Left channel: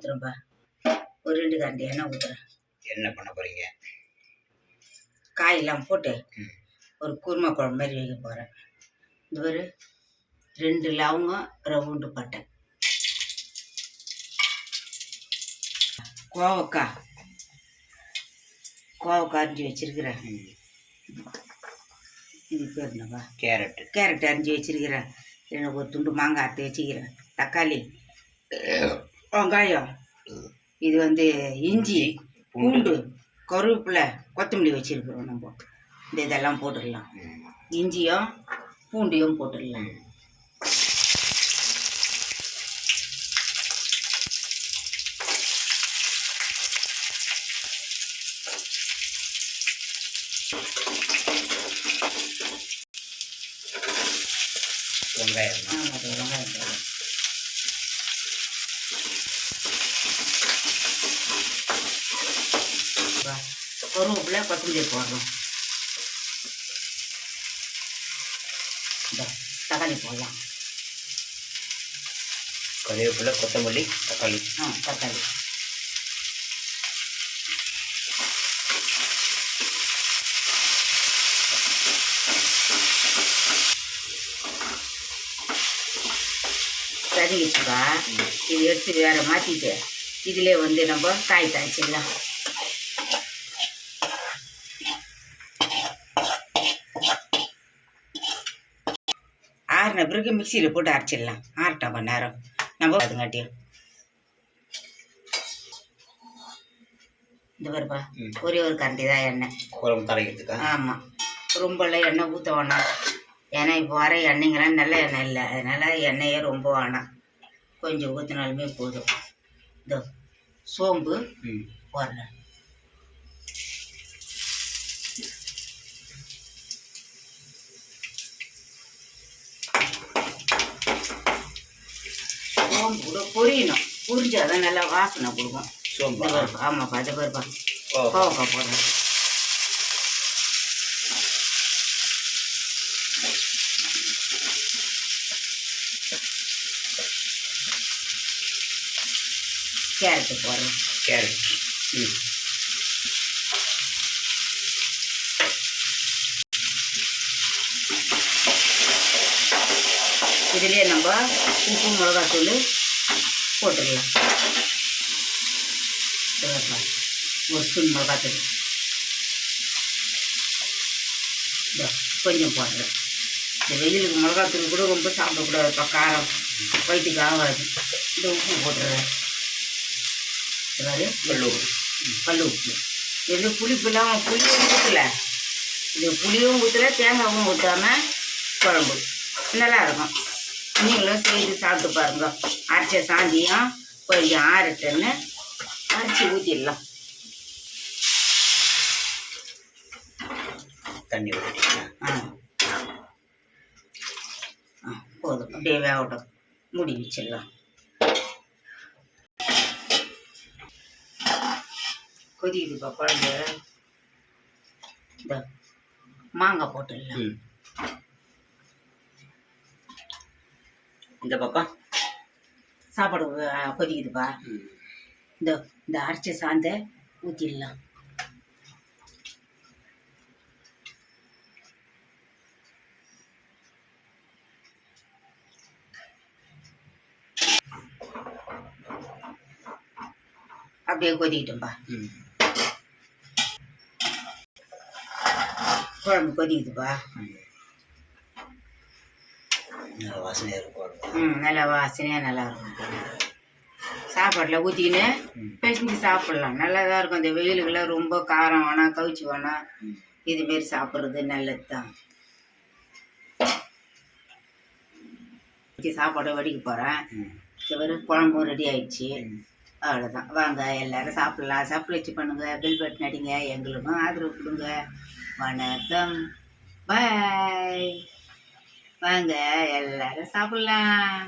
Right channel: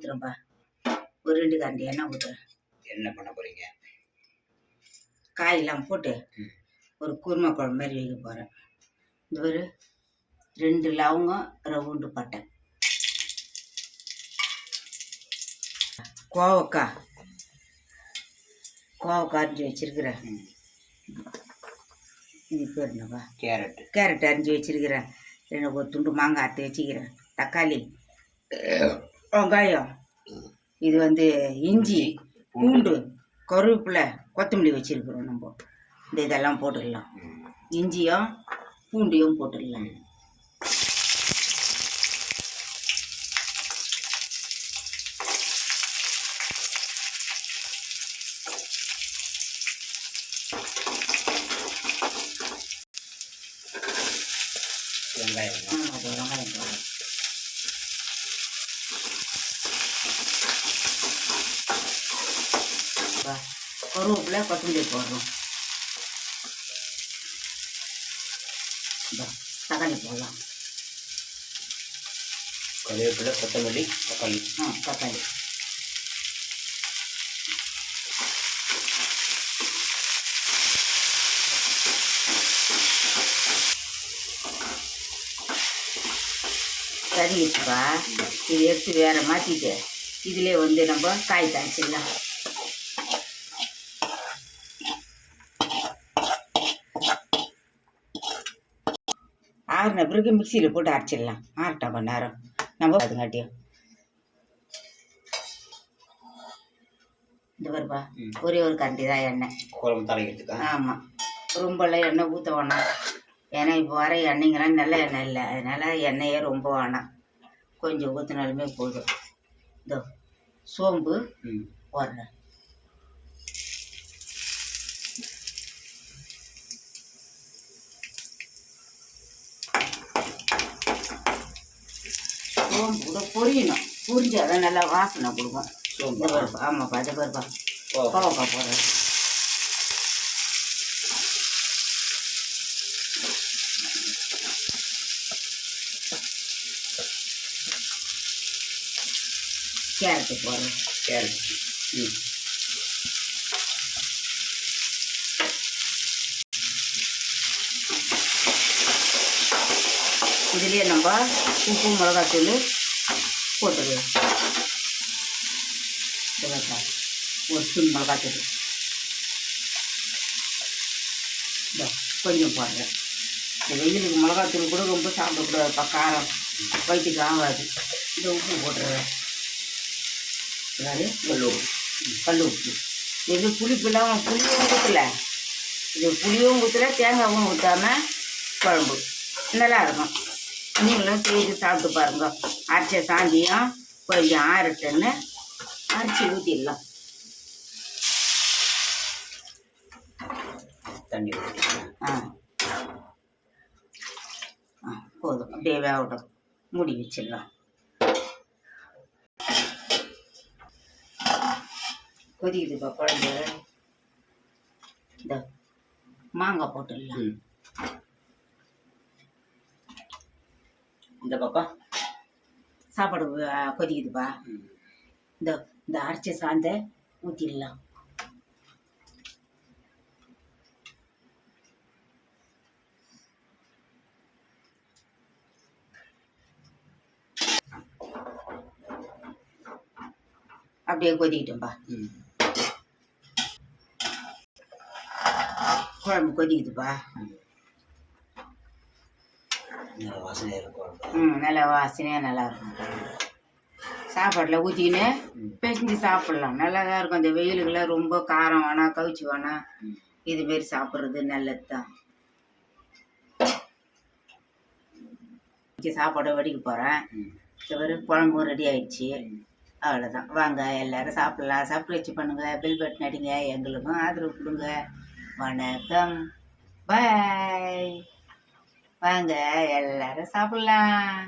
ஊற்றுறேன்ப்பா. ஒரு 2 கரண்டி எண்ணெய் ஊற்றுறேன். என்ன பண்ண போகிறீங்க? காயெல்லாம் போட்டு ஒரு குருமா குழம்பு மாதிரி வைக்க போகிறேன். இந்த ஒரு 2 லவங்கம், ரவுண்டு பட்டை, கோவக்காய் அரிஞ்சு வச்சிருக்கிறேன். இது பேர் என்னப்பா? கேரட் அரிஞ்சு வச்சிருக்கிறேன். எனக்கு ஒரு துண்டு மாங்காய் அறுத்து வச்சுக்கிறேன். தக்காளி, வெங்காயம், இது வந்து இஞ்சி, பூண்டு, கருவேப்பிலை, கொத்தமல்லி வச்சுருக்குறோம். நம்ம இந்த இதெல்லாம் போட்டுடலாம். இஞ்சியும் பூண்டையும் போட்டுடலாம். வெங்காயம் போடலாம். கருவேப்பிலை, கொத்தமல்லி போடுறோம். தக்காளி போடலாம். கருவேப்பிலை, கொத்தமல்லி, தக்காளி. தக்காளி சரிச்சுப்பா. இது எடுத்து வேற மாற்றிட்டு இதிலே வந்து நம்ம காய் தாளிச்சிடலாம். ஆறின பிறகு மிக்சியில் போட்டு அரைச்சிடலாம். ஆறட்டும் கொஞ்ச நேரம் நம்ம அதுங்காட்டியும். இந்த பாருப்பா, ஒரே ஒரு கரண்டி தான் எண்ணெய் குழம்பு தாளிக்கிறதுக்கா? ஆமாம், ரொம்பலாம் எண்ணெய் ஊற்ற வேணாம். ஏன்னா இப்போ வர எண்ணெய்ங்கெல்லாம் நல்ல எண்ணெய் இல்லை, அதனால் எண்ணெயே ரொம்ப வேணாம். கொஞ்சம் ஊற்றினாலுமே போதும். இதோ சோம்பு போடுறேன். சோம்பு கூட பொரியணும். பொரிஞ்சாதான் நல்லா வாசனை கொடுக்கும். சோம்பு? ஆமாப்பா. அதை பாருப்பா, கோவக்காய் போடுறேன். கேரட்டு போடுறேன். கேரட் இதுலேயே நம்ம உப்பு, மிளகாத்தூள் போட்டுடலாம். ஒரு ஸ்பூன் மிளகாத்தூள் கொஞ்சம் போடுறேன். இந்த வெயிலுக்கு மிளகாத்தூள் கூட ரொம்ப சாப்பிடக்கூடாதுப்பா, காரம் வயிற்றுக்கு ஆகாது. இந்த உப்பு போட்டுடுறேன். கல் உப்பு. இது புளிப்புலாம் புளியும் ஊற்றலை, இது புளியும் ஊற்றலை, தேங்காயும் ஊற்றாமல் குழம்பு நல்லா இருக்கும். நீங்களும் செய்து சாப்பிட்டு பாருங்க. அரைச்ச சாந்தியும் கொஞ்சம் ஆறட்டுன்னு அரைச்சி ஊற்றிடலாம். தண்ணி ஊற்றிக்கலாம். போதும், அப்படியே வேகட்டும். மூடி வச்சிடலாம். கொதிக்குதுப்பா குழம்பு. இந்த மாங்காய் போட்டுடலாம். இந்த பக்கம் சாப்பாடு கொதிக்குதுப்பா. இந்த அரைச்ச சாந்தை ஊற்றிடலாம். அப்படியே கொதிக்கிட்டோம்ப்பா. குழம்பு கொதிக்குதுப்பா. நல்லா வாசனையாக இருக்கும். நல்லா வாசனையாக நல்லா இருக்கும். சாப்பாட்டில் ஊற்றிக்கின்னு பிசைஞ்சு சாப்பிட்லாம். நல்லா தான் இருக்கும். இந்த வெயிலுக்கெல்லாம் ரொம்ப காரம் வேணாம், கவிச்சி வேணாம். இதுமாரி சாப்பிட்றது நல்லது தான். சாப்பாடை வடிக்க போகிறேன். ஒரு குழம்பும் ரெடி ஆயிடுச்சு. அவ்வளோதான். வாங்க எல்லோரும் சாப்பிட்லாம். சப்ஸ்கிரைப் பண்ணுங்கள், பெல் பட்டன் அடிங்க, எங்களுக்கும் ஆதரவு கொடுங்க. வணக்கம், பாய். வாங்க எல்லோரும் சாப்பிட்லாம்.